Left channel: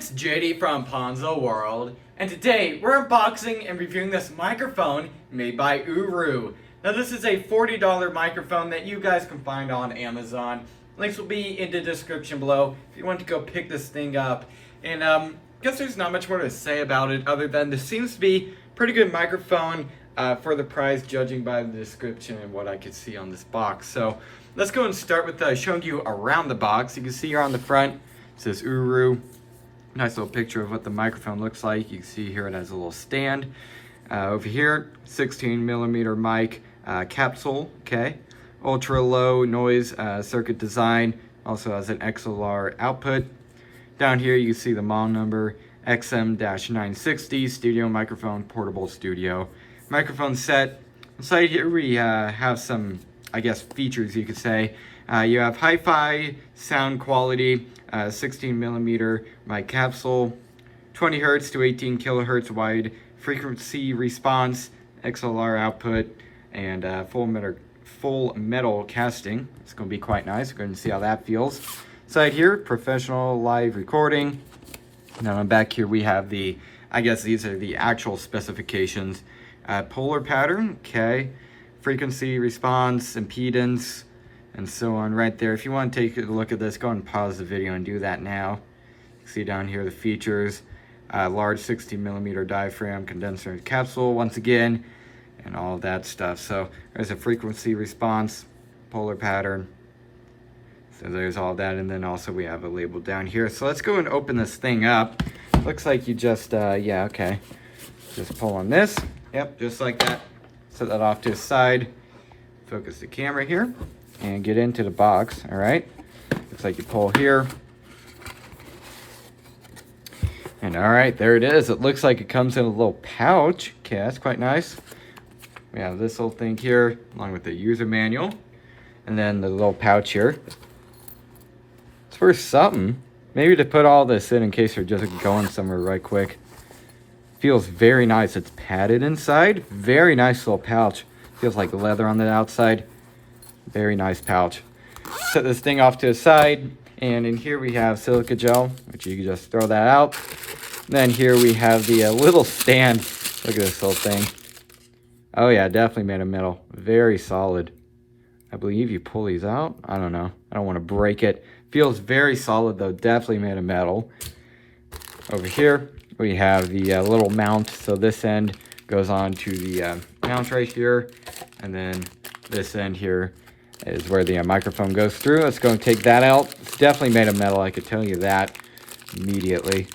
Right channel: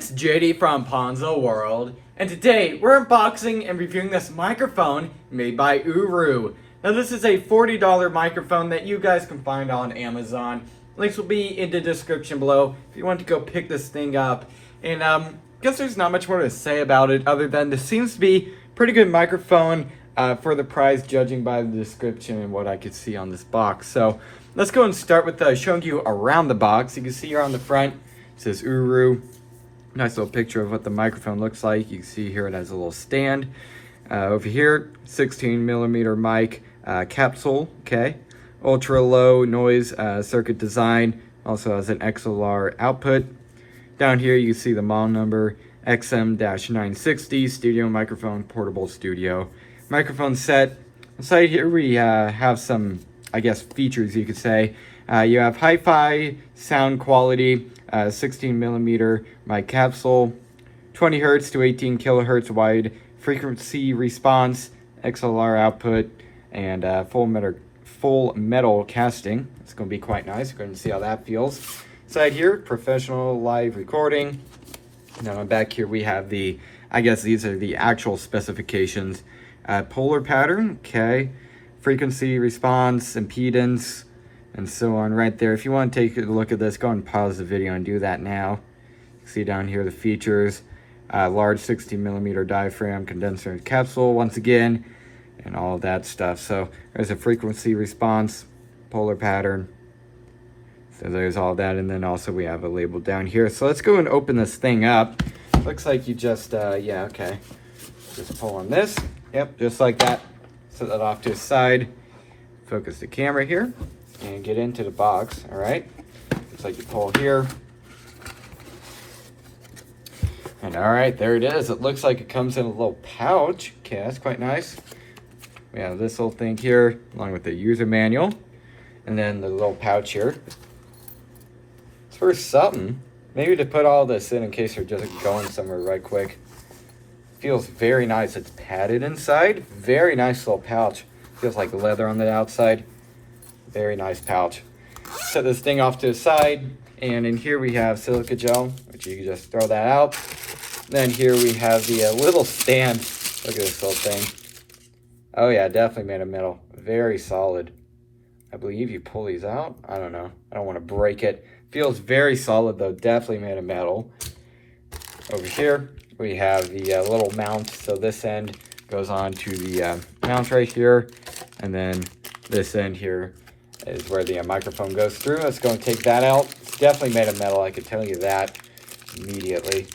it's JD from Ponzo World, and today we're unboxing and reviewing this microphone made by Uhuru. Now this is a $40 microphone that you guys can find on Amazon. Links will be in the description below if you want to go pick this thing up. And I guess there's not much more to say about it other than this seems to be a pretty good microphone for the price, judging by the description and what I could see on this box. So let's go and start with showing you around the box. You can see here on the front it says Uhuru. Nice little picture of what the microphone looks like. You can see here it has a little stand. Over here, 16mm mic capsule, okay. Ultra low noise circuit design. Also has an XLR output. Down here you can see the model number, XM-960 studio microphone, portable studio microphone set. Inside here we have some, I guess, features you could say. You have hi-fi sound quality, 16mm mic capsule, 20 hertz to 18 kilohertz wide frequency response, XLR output, and full metal casting. It's going to be quite nice. We're going to see how that feels. Inside here, professional live recording. And then back here we have the, I guess these are the actual specifications. Polar pattern, okay. Frequency response, impedance, and so on right there. If you want to take a look at this, go and pause the video and do that now. You can see down here the features. Large 16mm diaphragm, condenser capsule once again, and all that stuff. So there's a frequency response, polar pattern. So there's all that, and then also we have a label down here. So let's go and open this thing up. Looks like you just, yeah, okay. Just pull on this. Yep, just like that. Set that off to the side. Focus the camera here and get into the box, all right? Looks like you pull here. And all right, there it is. It looks like it comes in a little pouch. Okay, that's quite nice. We have this little thing here, along with the user manual. And then the little pouch here. It's worth something. Maybe to put all this in case you're just going somewhere right quick. Feels very nice. It's padded inside. Very nice little pouch. Feels like leather on the outside. Very nice pouch. Set this thing off to the side. And in here we have silica gel, which you can just throw that out. And then here we have the little stand. Look at this little thing. Oh yeah, definitely made of metal. Very solid. I believe you pull these out. I don't know. I don't want to break it. Feels very solid though. Definitely made of metal. Over here we have the little mount. So this end goes on to the mount right here. And then this end here is where the microphone goes through. Let's go and take that out. It's definitely made of metal. I could tell you that immediately.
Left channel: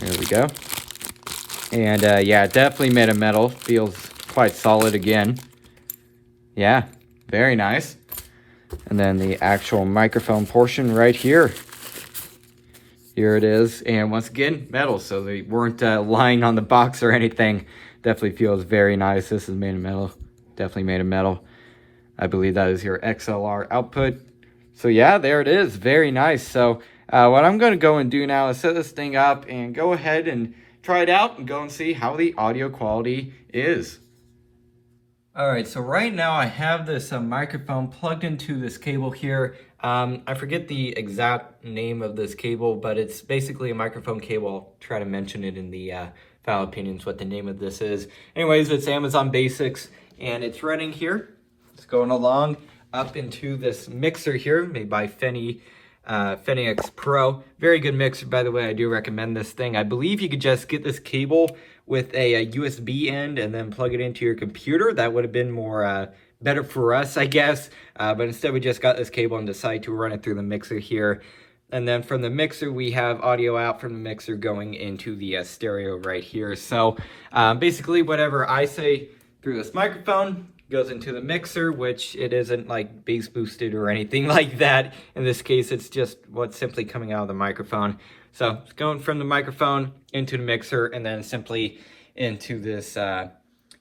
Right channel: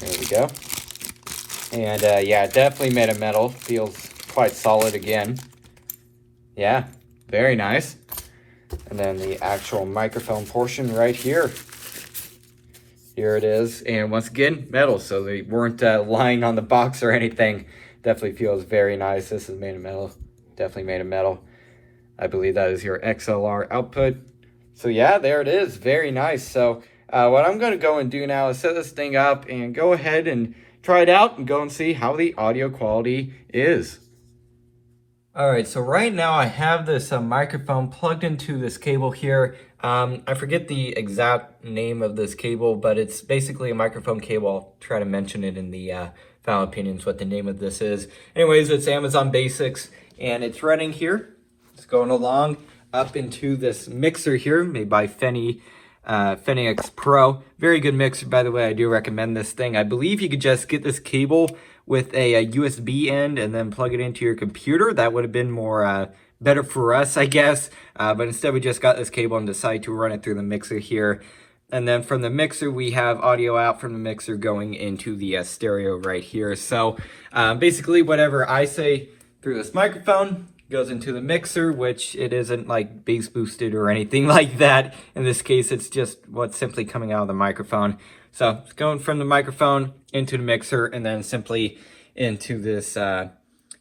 There we go. And yeah, definitely made of metal. Feels quite solid again. Yeah, very nice. And then the actual microphone portion right here. Here it is. And once again, metal. So they weren't lying on the box or anything. Definitely feels very nice. This is made of metal. Definitely made of metal. I believe that is your XLR output. So yeah, there it is. Very nice. So what I'm going to go and do now is set this thing up and go ahead and try it out and go and see how the audio quality is. Alright, so right now I have this microphone plugged into this cable here. I forget the exact name of this cable, but it's basically a microphone cable. I'll try to mention it in the final opinions what the name of this is. Anyways, it's Amazon Basics, and it's running here. It's going along up into this mixer here, made by Fenix Pro. Very good mixer, by the way. I do recommend this thing. I believe you could just get this cable with a USB end and then plug it into your computer. That would have been more better for us, I guess. But instead we just got this cable and decided to run it through the mixer here. And then from the mixer, we have audio out from the mixer going into the stereo right here. So basically whatever I say through this microphone goes into the mixer, which it isn't like bass boosted or anything like that. In this case, it's just what's simply coming out of the microphone. So it's going from the microphone into the mixer and then simply into this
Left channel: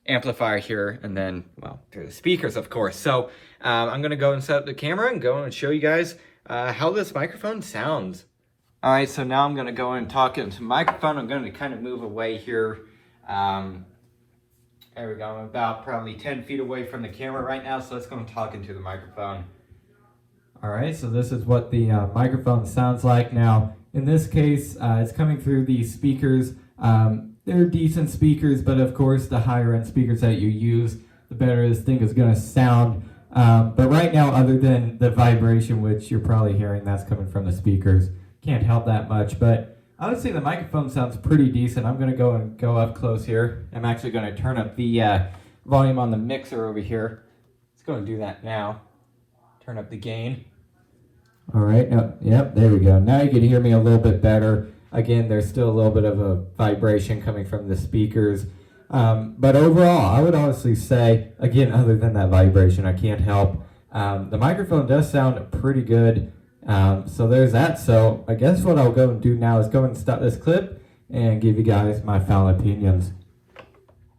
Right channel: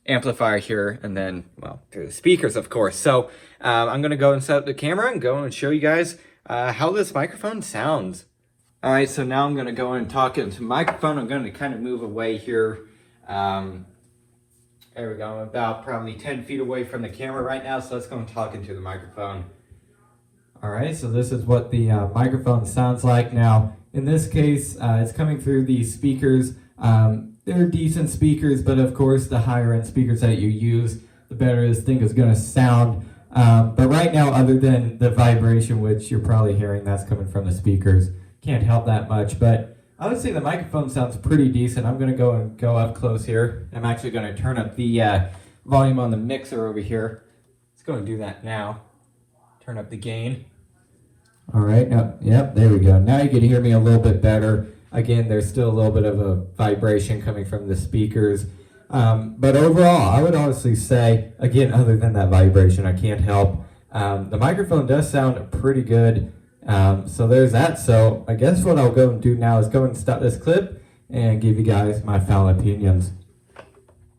amplifier here, and then, well, through the speakers, of course. So I'm going to go and set up the camera and go and show you guys how this microphone sounds. All right, so now I'm going to go and talk into the microphone. I'm going to kind of move away here. There we go. I'm about probably 10 feet away from the camera right now, so let's go and talk into the microphone. Alright, so this is what the microphone sounds like. Now, in this case, it's coming through these speakers. They're decent speakers, but of course, the higher end speakers that you use, the better this thing is going to sound. But right now, other than the vibration, which you're probably hearing, that's coming from the speakers, can't help that much. But I would say the microphone sounds pretty decent. I'm going to go up close here. I'm actually going to turn up the volume on the mixer over here. Let's go and do that now. Turn up the gain. All right, yep, there we go. Now you can hear me a little bit better. Again, there's still a little bit of a vibration coming from the speakers. But overall, I would honestly say, again, other than that vibration, I can't help. The microphone does sound pretty good. So there's that. So I guess what I'll go and do now is go and stop this clip and give you guys my final opinions.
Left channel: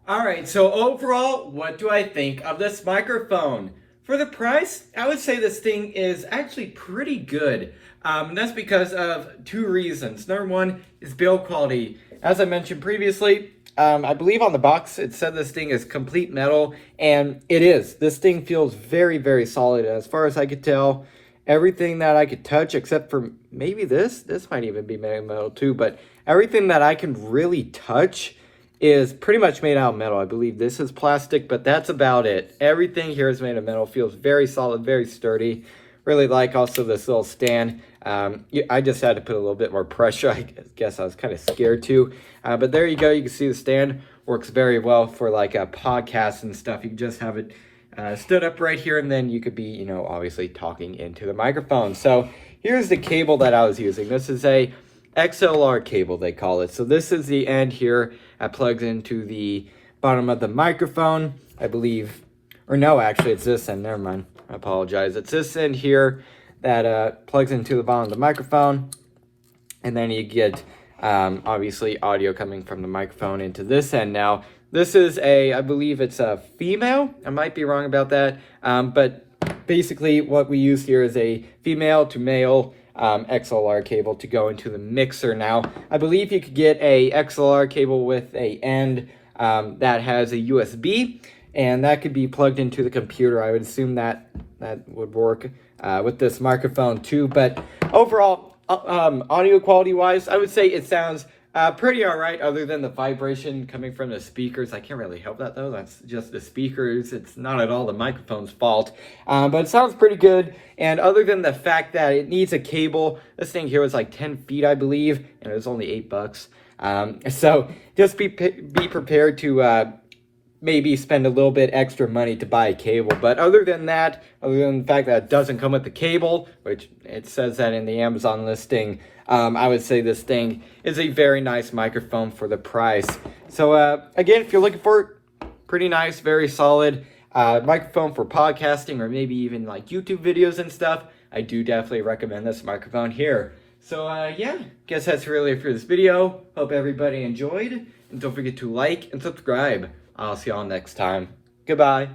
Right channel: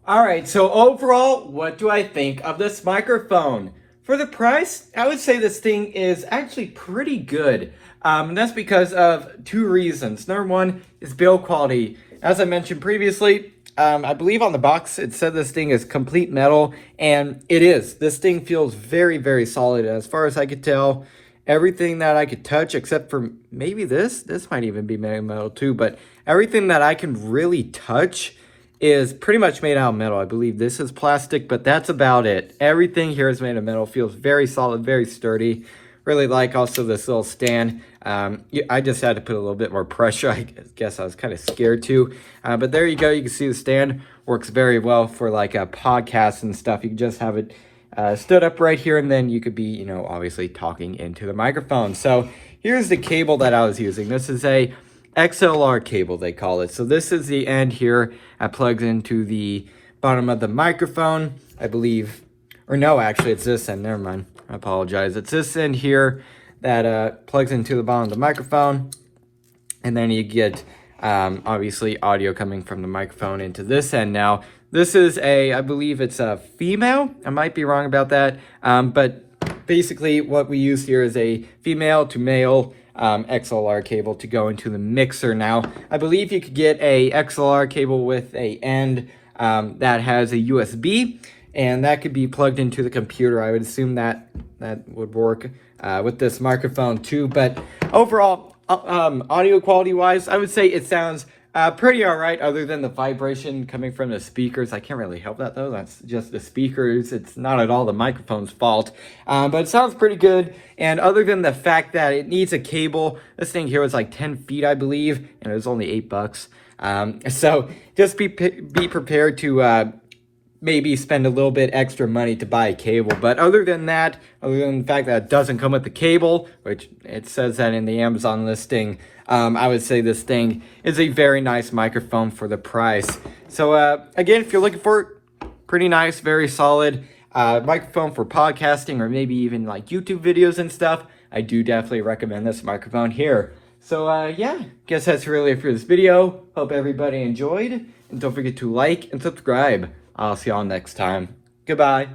All right, so overall, what do I think of this microphone? For the price, I would say this thing is actually pretty good. And that's because of two reasons. Number one is build quality. As I mentioned previously, I believe on the box it said this thing is complete metal, and it is. This thing feels very, very solid. As far as I could tell, everything that I could touch, except for maybe this might even be made of metal too, but everything that I can really touch is pretty much made out of metal. I believe this is plastic, but that's about it. Everything here is made of metal. Feels very solid, very sturdy. Really like also this little stand. I just had to put a little bit more pressure. I guess I was kind of scared to. But there you go. You can see the stand works very well for like a podcast and stuff. You can just have it stood up right here, and then you could be, obviously talking into the microphone. So here's the cable that I was using. This is a XLR cable, they call it. So this is the end here that plugs into the bottom of the microphone, I believe. Or no, actually, it's this end. Never mind. I apologize. It's this end here that plugs into the bottom of the microphone. And then you get, obviously, audio coming from the microphone into this end. Now, this is I believe it's a female. I might be wrong about that. But basically, what we use here is a female to male XLR cable to go into the mixer. Now, I believe you could get a XLR cable with a end that has a USB, and that could be plugged into the computer. I would assume that would work with this microphone too. But overall, audio quality wise, I would say it sounds pretty all right, other than the vibration coming from the speakers. I can't really help that though. That's just the speakers. It's not at all the microphone's fault. But it sounds pretty good. And other than the fact that it needs a cable, this thing here was like 10 feet, I believe, and it was only $8. So just be prepared to maybe spend a little bit extra money to buy a cable. But other than that, other than the fact that it doesn't come with the cable, which it says that in the Amazon listing, I would say this thing is a very nice microphone for the price. So again, if you're looking for pretty nice, very solid microphone for podcasting or maybe even like YouTube videos and stuff, I do definitely recommend this microphone here. So yeah, guess that's really it for this video. Hope everybody enjoyed, and don't forget to like and subscribe. I'll see y'all next time. Goodbye.